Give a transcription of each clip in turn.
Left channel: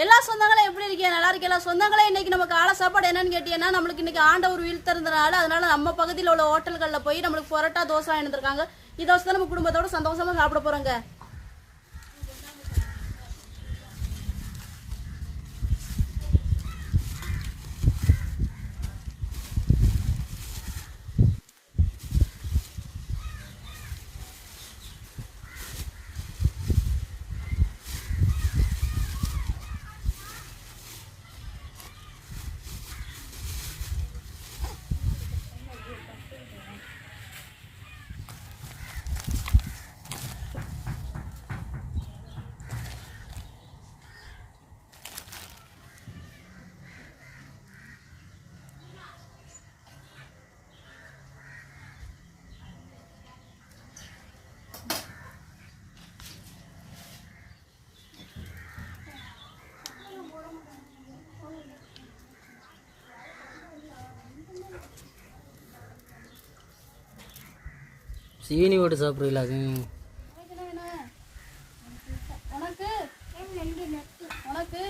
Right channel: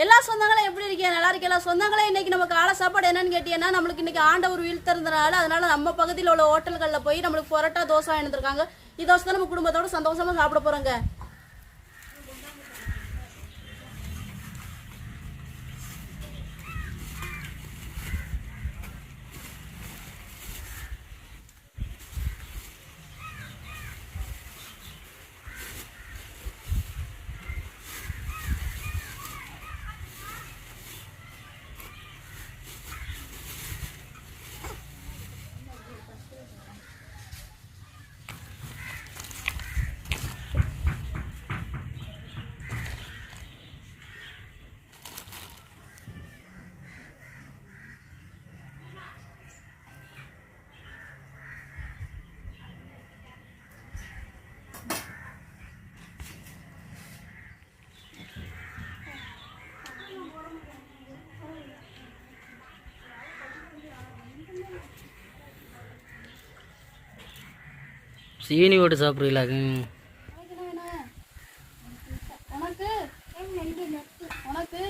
எல்லா சொந்தங்களும் எப்படி இருக்கீங்க? நல்லா இருக்கீங்களா சொந்தங்களே? இன்னைக்கு நம்ம காலை சாப்பாடு என்னன்னு கேட்டீங்கன்னா, நம்மளுக்கு இன்னைக்கு ஆண்டவர் உயிர் திறந்தனால அதனால நம்ம பகுதியில் உள்ள ஹோட்டல்களில் போய் நம்மளுக்கு பரோட்டா தோசை எழுந்திருக்காங்க. இந்த தோசை தான் நம்ம குடும்பத்தோட சந்தோஷமா சாப்பிட போறோங்க. சீனி போட்டு சாப்பிட்றீங்களாக்கு? உனக்கு உனக்கு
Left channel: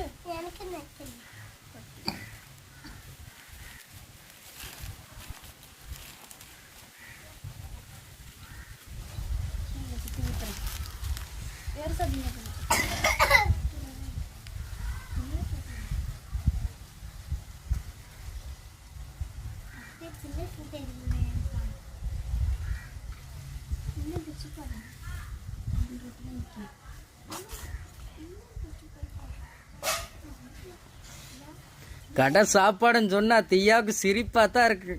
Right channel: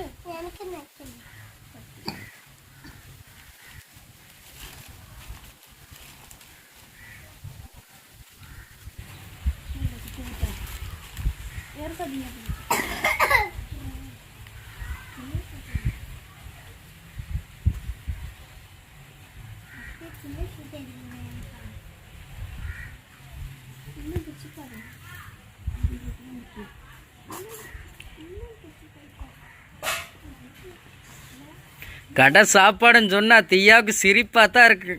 கடை சாப்பாடுன்னு சொன்னா தியாவுக்கு சிரிப்பா தான் இருக்கு.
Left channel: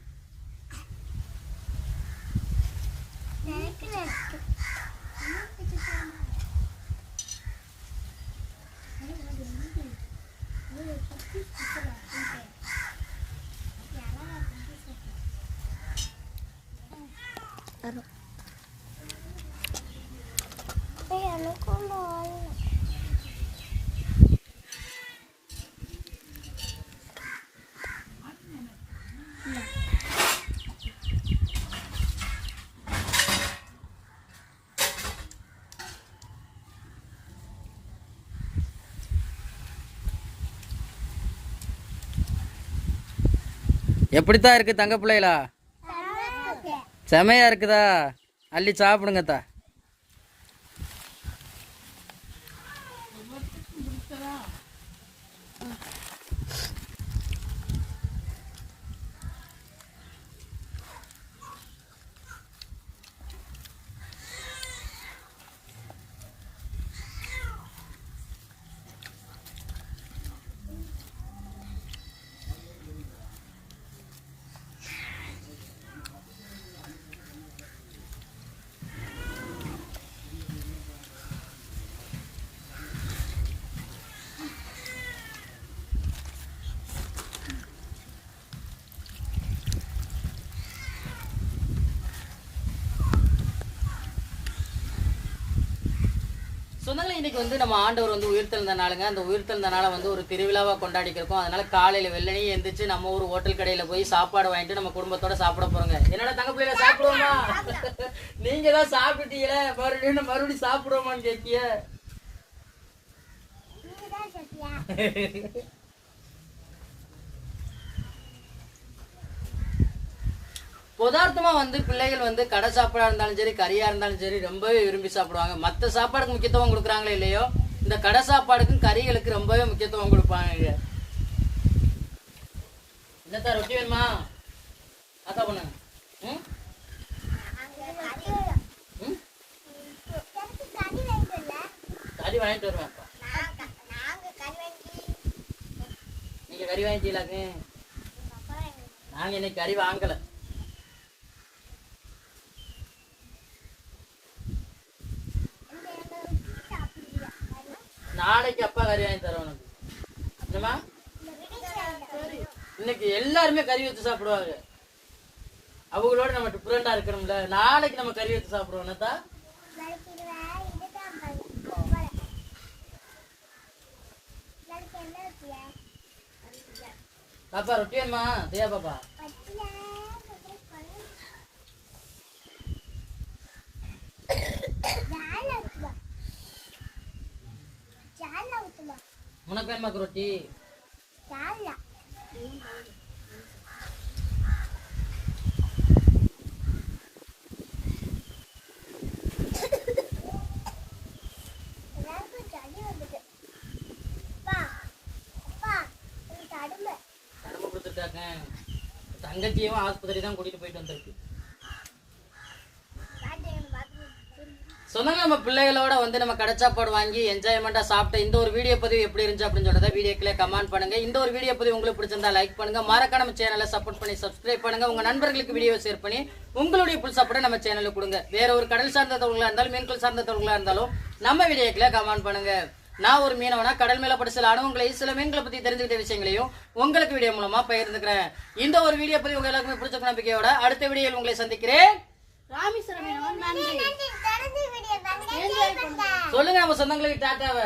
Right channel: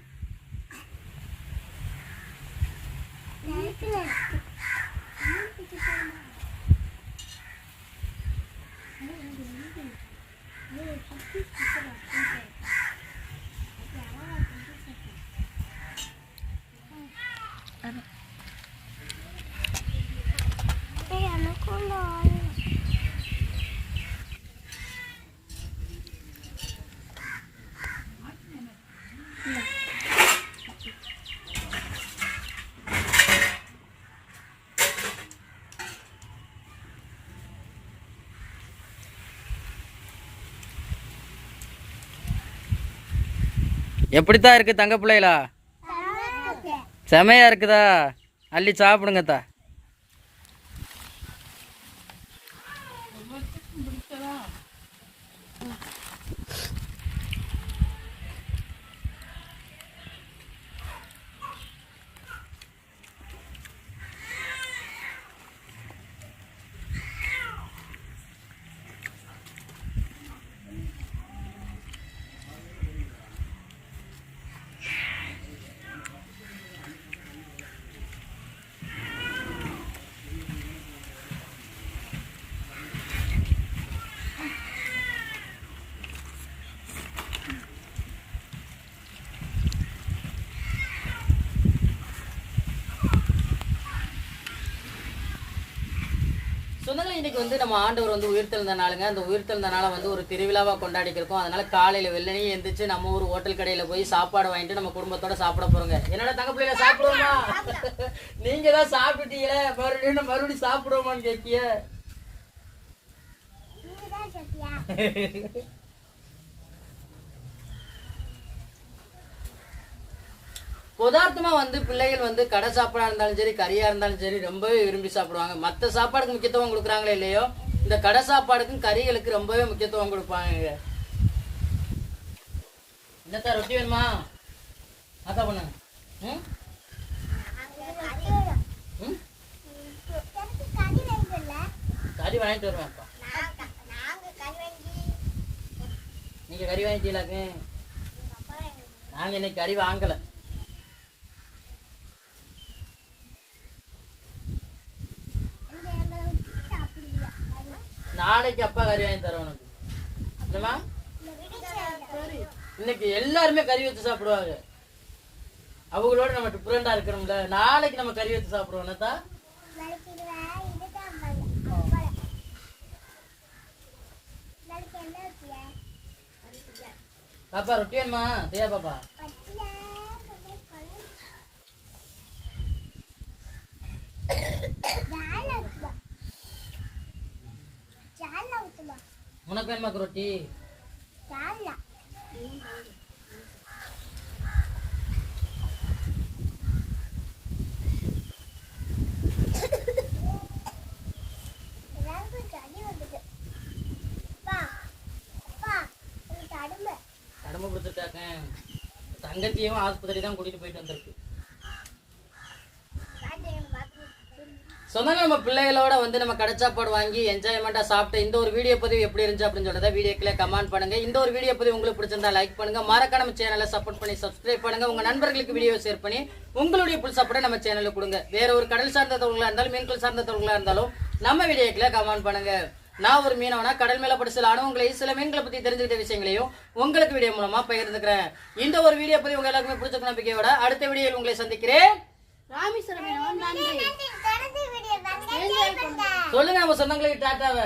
எப்படித்தான் இருக்கு தங்க பிள்ளைகளா? செமையா இருக்குதா? அள்ளி சாப்பிடுங்கத்தா. சொந்தங்களே, இன்னைக்கு வந்து நம்ம ஆண்டவர் வந்து உயிர்த்தெழுந்த நாளுங்க. அந்த உயிர்த்தெழுந்த நாளை வந்து ஒரு திருவிழாவாக கொண்டாடிக்கிறோம். அதனால காலையில் வெள்ளனையும் எந்திரிச்சு நம்ம ஒரு ஹோட்டல் கடையில் போய் சாப்பாடு வாங்கிட்டு நம்ம குடும்பத்தோட சாப்பிட போறோங்க. என்னோட தங்க பிள்ளைல சாப்பிடுவோமா? நீங்க தான் சாப்பிட்டீங்களே, மறுபடியும் சாப்பிடுவோமான்னு கேட்டிய. பதார்த்தமா வந்து பிள்ளைகள் வந்து கடை சாப்பாடா இருந்தாலும் சரி, கறியா இருந்தாலும் சரி ரொம்பவே விரும்பி சாப்பிடுவாங்க. மற்ற சாப்பாடுக்கு முக்கியத்துவம் கொடுக்குறாங்களே இல்லையோ, இந்த கடை சாப்பாடுக்கும் கறிகளுக்கு ரொம்பவே முக்கியத்துவம் கொடுப்பாங்க. என்னத்தா ரொட்டி வேணுமா? அக்கா பண்ணு. கறி வாங்கிட்டு வருவேன். நீங்க கறி வாங்கிட்டீங்களாக்கு? நாங்க இன்னைக்கு கறி வாங்கல. நாளைக்கு அப்பா கறி வாங்கி தர உனக்கு. இன்னைக்கு எல்லாருமே கறி வச்சு சாப்பிடுவாங்க. அவங்களோட நம்ம டிஃபரெண்டா இருக்கணும்ல. நாளைக்கு நம்ம கறி வச்சு சாப்பிடுவோம். என்னத்தா பாப்பா ரொட்டி வேணுமா? தியா பாப்பா உனக்கு வேணுமா ரொட்டி? கடமை கொடுத்துட்டாங்க. தங்கச்சியும் ஆஸ்பத்திரி தான் கூட்டிட்டு போயிட்டு வந்திருக்கு. சொன்னாங்க நம்ம பிள்ளைகளோட வந்து நம்ம கடை சாப்பாடு வாங்கி என்ஜாய்மெண்டா சாப்பிட்டு இந்த ஒரு வீடியோ பதிவு எப்படி இருந்துச்சு அப்படின்னு சொல்றத வீடியோக்குள்ள கமெண்ட் பண்ணுங்க. இந்த ஒரு வீடியோ பதிவு உங்களுக்கு பிடிச்சிருந்தா லைக் பண்ணுங்க. மறக்காம நம்ம சேனலை சப்போர்ட் பண்ணி சப்ஸ்கிரைப் பண்ணுங்க. உங்க நண்பர்களுக்கு வீடியோ ஷேர் பண்ணி உங்களுடைய புல் சப்போர்ட்டை நம்ம சேனலுக்கு கொடுங்க. வேற ஒரு கடல் சார்ந்த தொழிலா இருந்தாலும் மீன்கள் சார்ந்த தொழிலா இருந்தாலும் நம்ம வீடியோக்குள்ள கமெண்ட் பண்ணுங்க. நான் ஒரு மீனவனா கடல் மேல படி சில அனுபவங்களையும் சில மீன்களை பத்தி தெரிஞ்சுக்கிட்ட விஷயங்களையும் உங்களுக்கு வீடியோ மூலமா பகிர்ந்துக்கிறேன். இந்த ஒரு வீடியோ பதிவு உங்க எல்லாருக்குமே பிடிச்ச நம்பிக்கையோட அடுத்த வீடியோவில் உங்களை சந்திக்கிறேன். சொல்லுங்க நம்ம சொந்தங்களுக்கு டாட்டாவை.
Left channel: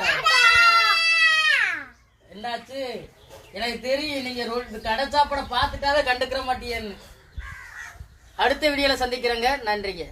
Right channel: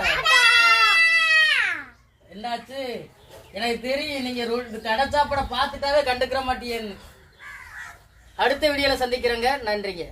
என்னாச்சு? எனக்கு தெரியும் நீங்க கடை சாப்பாட பாத்துட்டாவே கண்டுக்கிற மாட்டீங்கன்னு. அடுத்த வீடியோல சந்திக்கிறேங்க. நன்றிங்க.